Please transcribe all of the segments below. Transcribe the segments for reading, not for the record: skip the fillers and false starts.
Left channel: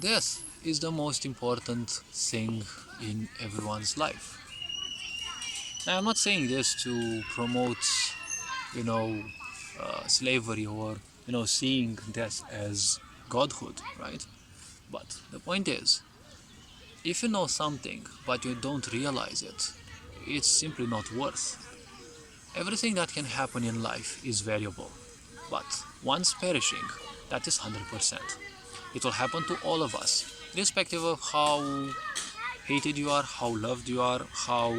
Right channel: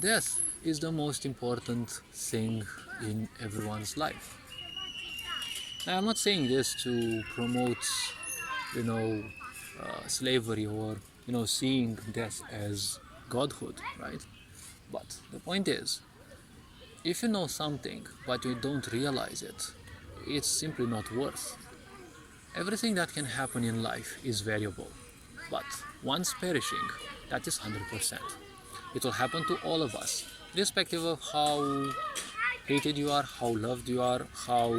Death is the most important thing in everyone's life. Now, I'm not saying this to promote, you know, slavery or, seeing death as godhood, right? But the point is, if you know something but you don't realize it, it's simply not worth. Everything that can happen in life is variable, but once perishing, that is 100%. It will happen to all of us, irrespective of how hated you are, how loved you are, how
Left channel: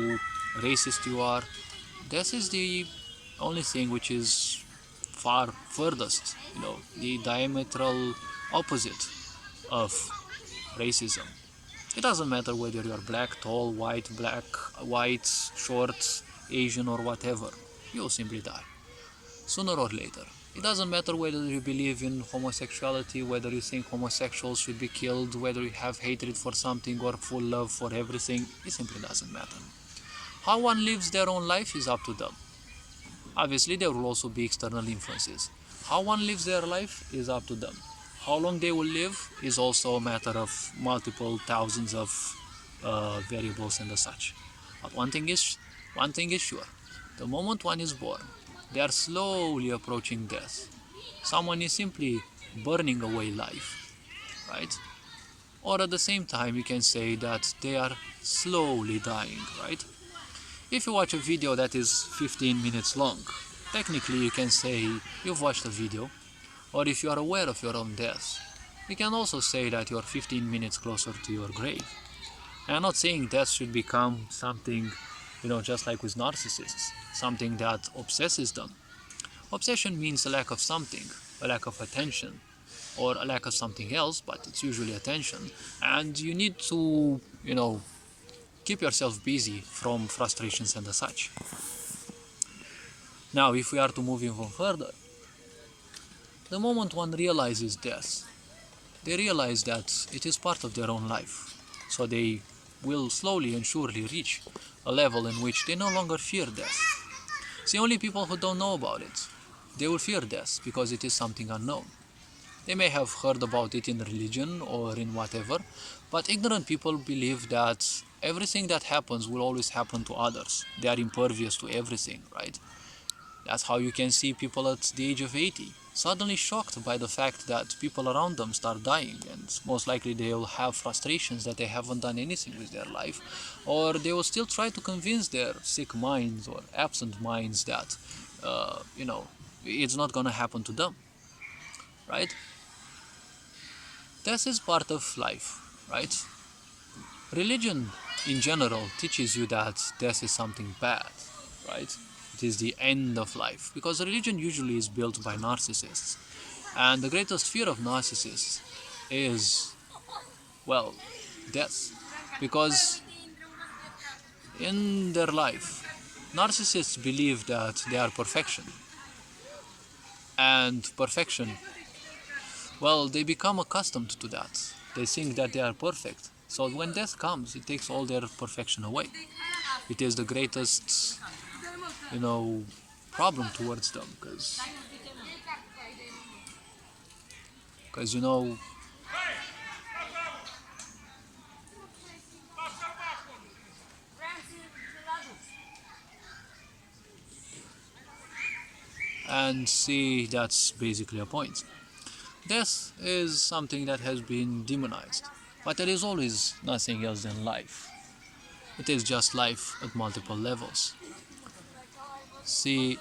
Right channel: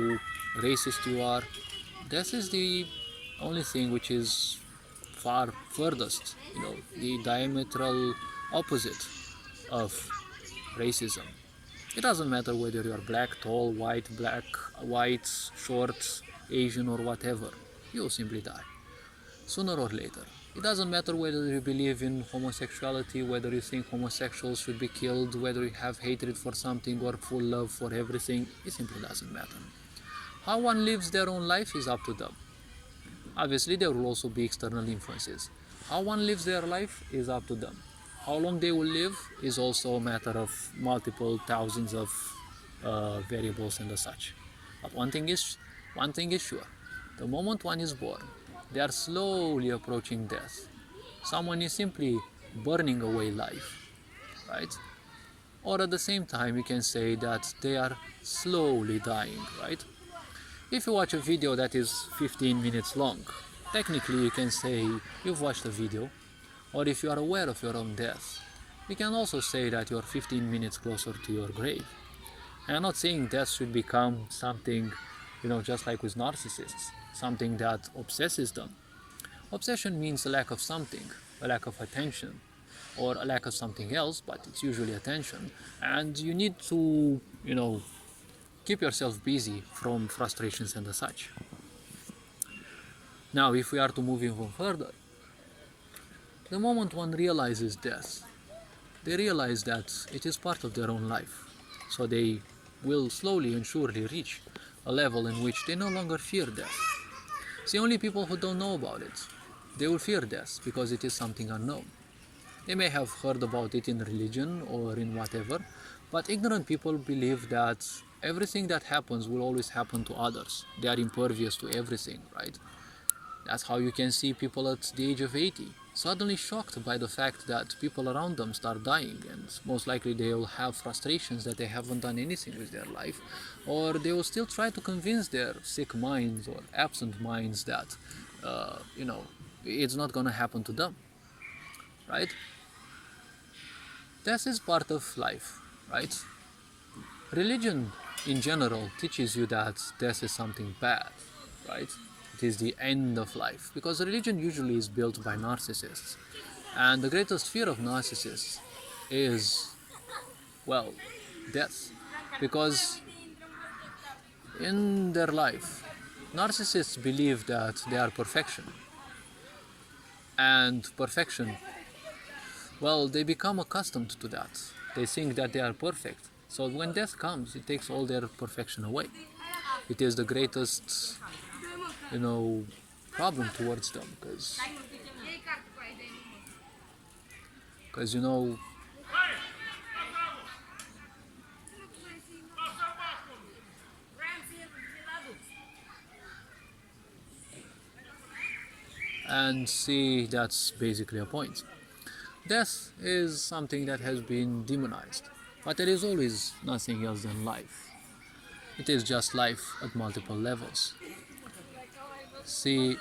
racist you are. This is the only thing which is far furthest, the diametral opposite of racism. It doesn't matter whether you're black, tall, white, short, Asian, or whatever. You'll simply die, sooner or later. It doesn't matter whether you believe in homosexuality, whether you think homosexuals should be killed, whether you have hatred for something or full love for everything. It simply doesn't matter. How one lives their own life is up to them. Obviously, there will also be external influences. How one lives their life is up to them. How long they will live is also a matter of multiple thousands of variables and such. But one thing is sure: the moment one is born, they are slowly approaching death. Someone is simply burning away life, right? Or at the same time, you can say that they are slowly dying, right? If you watch a video that is 15 minutes long, technically you can say you've watched a video. Or if you are aware of your own death, you can also say that you are 15 minutes closer to your grave. And I'm not saying death should become something, just like with narcissists, something that obsesses them. Obsession means a lack of something, a lack of attention, or a lack of something else, but it's usually attention. And you need to, keep yourself busy from frustrations and such. Now, if we are to move even further, the moment one realizes death, they realize that it is part of their own life. So they will slowly and surely reach a level in which they no longer fear death. It's the only people who don't know about it. They will fear death because it is something unknown. They may have heard about it in religion or in whatever, but ignorant people believe that everything that happens will always happen to others. They are impervious to everything, right? That's how you can see people at the age of 80 suddenly shocked by the fact that people around them start dying, and most likely they will have frustrations that they haven't done anything with their life, or they will still try to convince their sick minds or absent minds that it's not going to happen to them, right? Death is part of life, right? Religion in general teaches you that death is something bad, right? It is the end of life, because religion usually is built by narcissists, and the greatest fear of narcissists is, well, death, because in their life, narcissists believe that they are perfection, and perfection, well, they become accustomed to that. They think that they are perfect, so when death comes, it takes all their perfection away. It is the greatest problem towards them, because and see, that's basically a point. Death is something that has been demonized, but there is always nothing else than life. It is just life at multiple levels. See,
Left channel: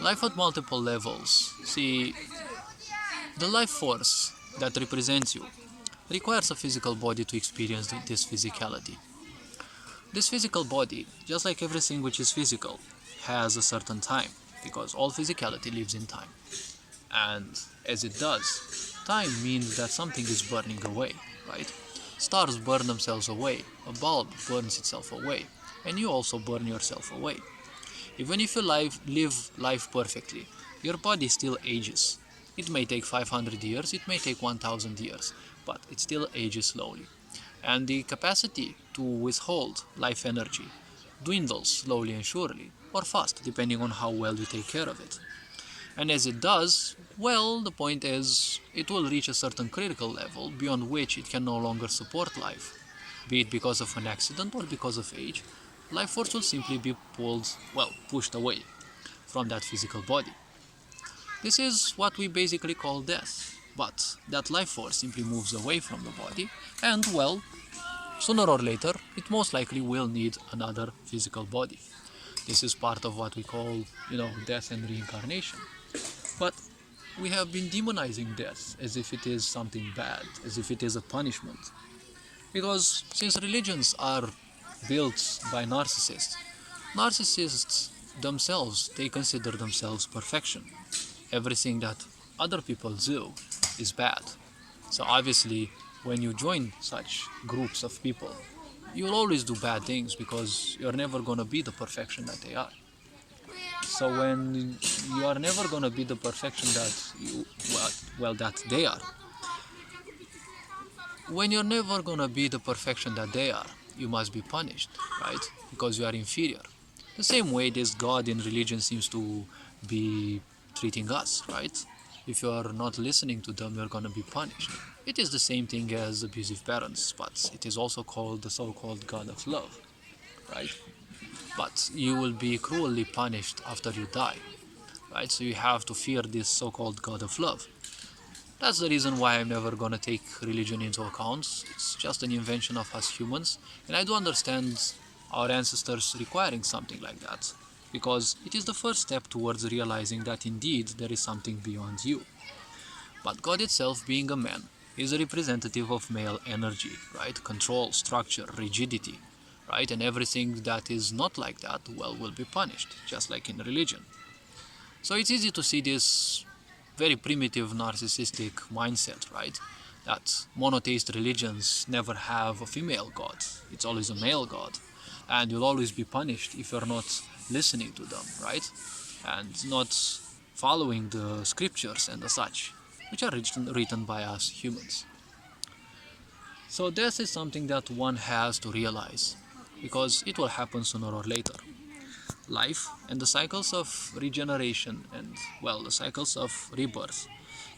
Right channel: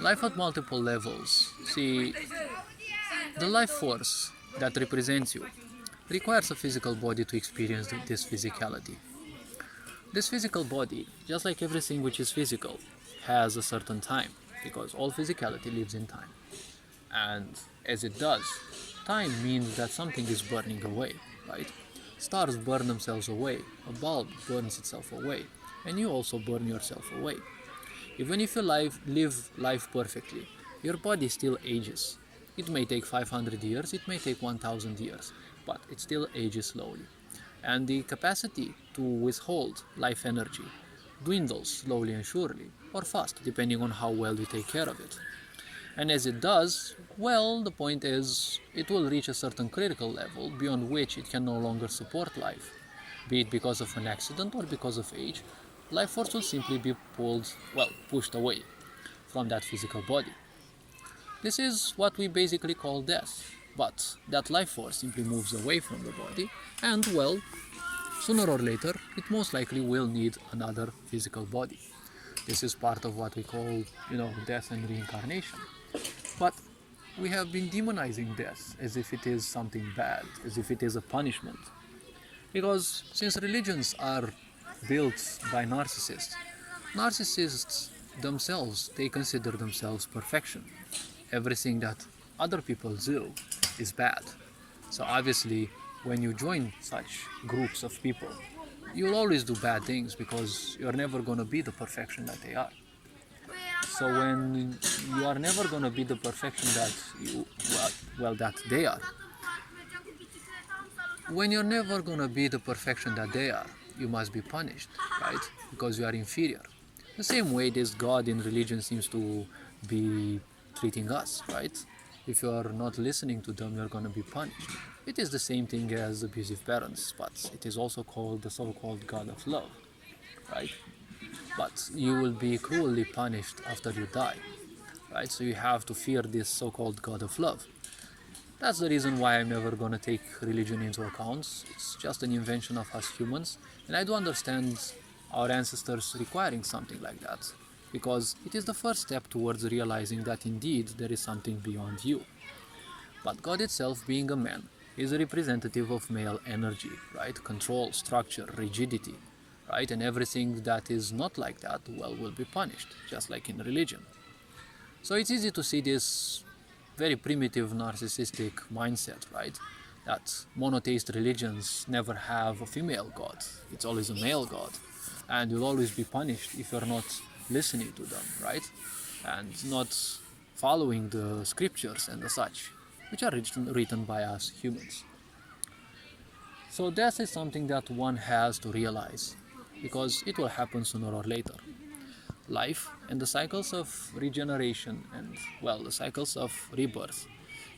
life at multiple levels. See, the life force that represents you requires a physical body to experience this physicality. This physical body, just like everything which is physical, has a certain time, because all physicality lives in time. And as it does, time means that something is burning away, right? Stars burn themselves away, a bulb burns itself away, and you also burn yourself away. Even if you live life perfectly, your body still ages. It may take 500 years, it may take 1000 years, but it still ages slowly. And the capacity to withhold life energy dwindles slowly and surely, or fast, depending on how well you take care of it. And as it does, well, the point is, it will reach a certain critical level beyond which it can no longer support life. Be it because of an accident or because of age, life force will simply be pushed away from that physical body. This is what we basically call death. But that life force simply moves away from the body, and sooner or later, it most likely will need another physical body. This is part of what we call, death and reincarnation. But we have been demonizing death as if it is something bad, as if it is a punishment. Because since religions are built by narcissists themselves, they consider themselves perfection. Everything that other people do is bad. So obviously, when you join such groups of people, you'll always do bad things because you're never going to be the perfection that they are. So when you are never going to be the perfection that that they are, when you're never going to be the perfection that they are, you must be punished, right? Because you are inferior. The same way this God in religion seems to be treating us, right? If you are not listening to them, you're going to be punished. It is the same thing as abusive parents, but it is also called the so-called God of love, right? But you will be cruelly punished after you die, right? So you have to fear this so-called God of love. That's the reason why I'm never gonna take religion into account. It's just an invention of us humans, and I do understand our ancestors requiring something like that, because it is the first step towards realizing that indeed there is something beyond you. But God itself, being a man, is a representative of male energy, right? Control, structure, rigidity, right? And everything that is not like that, will be punished, just like in religion. So it's easy to see this very primitive narcissistic mindset, right? That monotheist religions never have a female god. It's always a male god. And you'll always be punished if you're not listening to them, right? And not following the scriptures and the such, which are written by us humans. So death is something that one has to realize, because it will happen sooner or later. Life and the cycles of regeneration and, the cycles of rebirth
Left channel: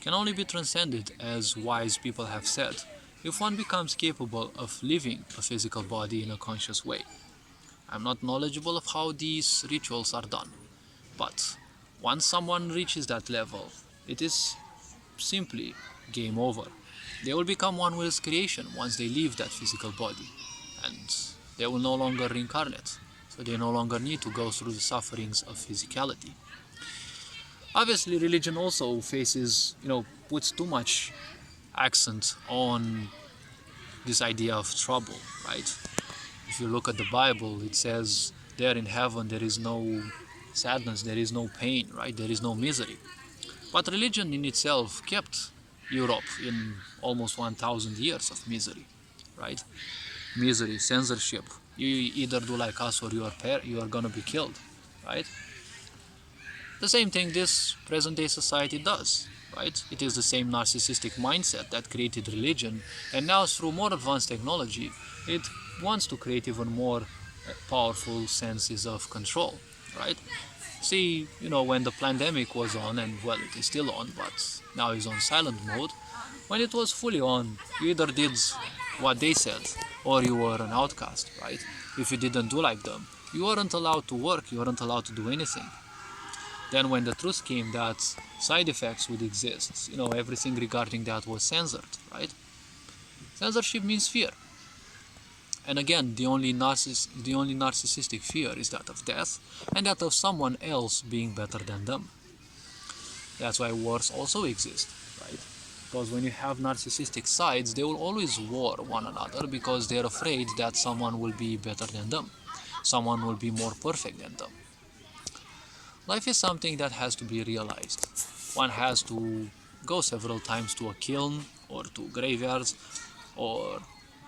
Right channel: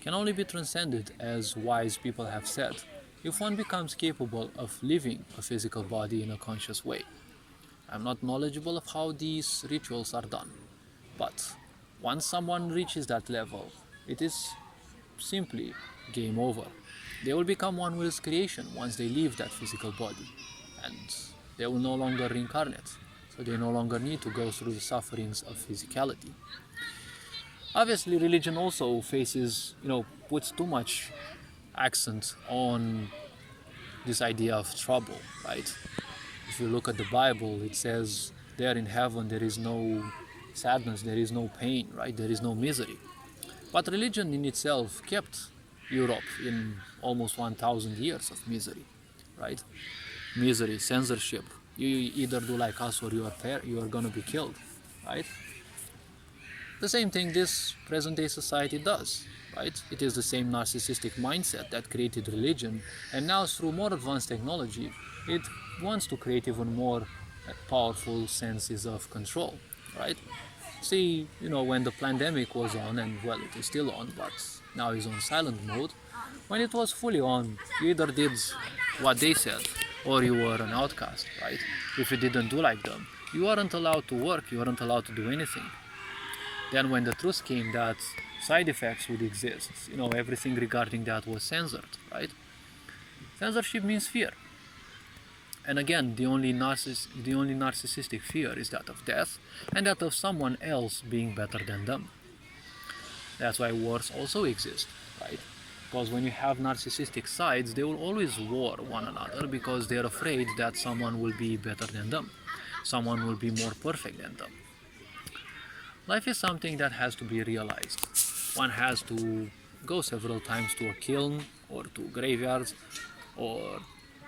can only be transcended, as wise people have said, if one becomes capable of living a physical body in a conscious way. I'm not knowledgeable of how these rituals are done, but once someone reaches that level, it is simply game over. They will become one with creation once they leave that physical body, and they will no longer reincarnate. So they no longer need to go through the sufferings of physicality. Obviously, religion also puts too much accent on this idea of trouble, right? If you look at the Bible, it says there in heaven there is no sadness, there is no pain, right? There is no misery. But religion in itself kept Europe in almost 1,000 years of misery, right? Misery, censorship. You either do like us or you are gonna be killed, right? The same thing this present-day society does, right? It is the same narcissistic mindset that created religion, and now through more advanced technology, it wants to create even more powerful senses of control, right? See, when the pandemic was on, and it is still on, but now is on silent mode. When it was fully on, you either did what they said, or you were an outcast, right? If you didn't do like them, you weren't allowed to work, you weren't allowed to do anything. Then when the truth came that side effects would exist, everything regarding that was censored, right? Censorship means fear. And again, the only narcissistic fear is that of death, and that of someone else being better than them. That's why wars also exist, right? Because when you have narcissistic sides, they will always war one another because they're afraid that someone will be better than them. Someone will be more perfect than them. Life is something that has to be realized. One has to go several times to a kiln or to graveyards, or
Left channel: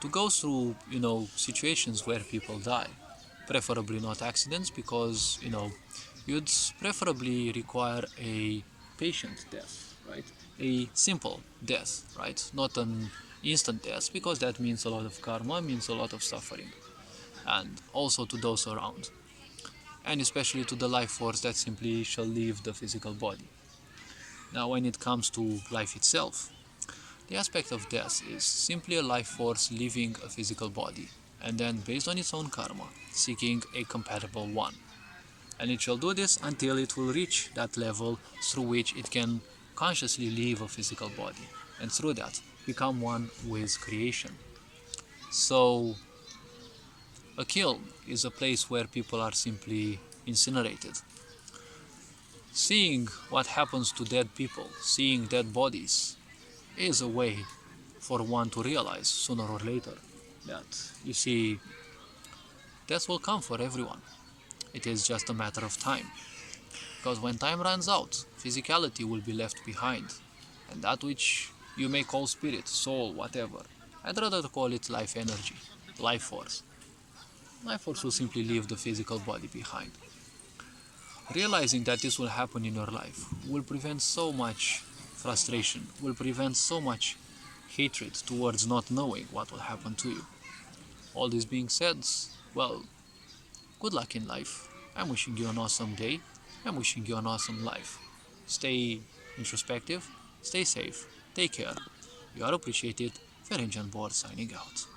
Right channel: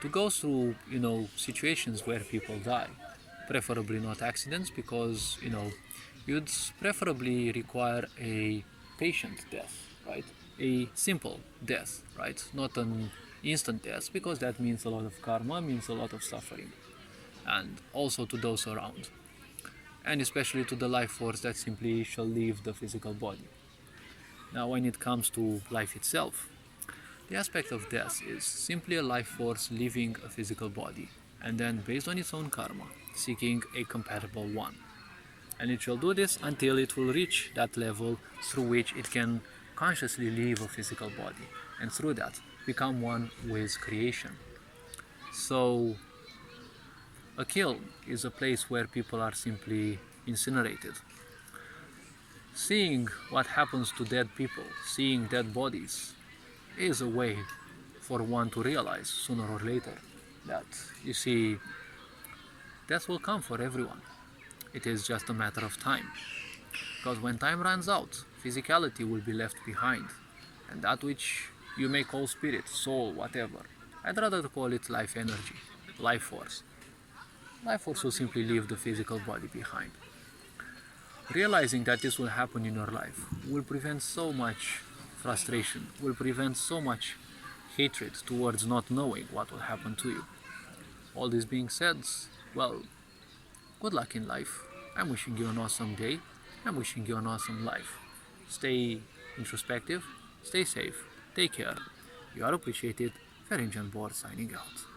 to go through, situations where people die. Preferably not accidents, because, you'd preferably require a patient death, right? A simple death, right? Not an instant death, because that means a lot of karma, means a lot of suffering, and also to those around, and especially to the life force that simply shall leave the physical body. Now, when it comes to life itself, the aspect of death is simply a life force leaving a physical body, and then, based on its own karma, seeking a compatible one. And it shall do this until it will reach that level through which it can consciously leave a physical body, and through that, become one with creation. So, a kiln is a place where people are simply incinerated. Seeing what happens to dead people, seeing dead bodies, is a way for one to realize sooner or later that, you see, death will come for everyone. It is just a matter of time. Because when time runs out, physicality will be left behind, and that which you may call spirit, soul, whatever, I'd rather call it life energy, life force. Life force will simply leave the physical body behind. Realizing that this will happen in your life will prevent so much frustration, will prevent so much hatred towards not knowing what will happen to you. All this being said, well, good luck in life. I'm wishing you an awesome day. I'm wishing you an awesome life. Stay introspective, stay safe, take care. You are appreciated. Ferenjan Board signing out.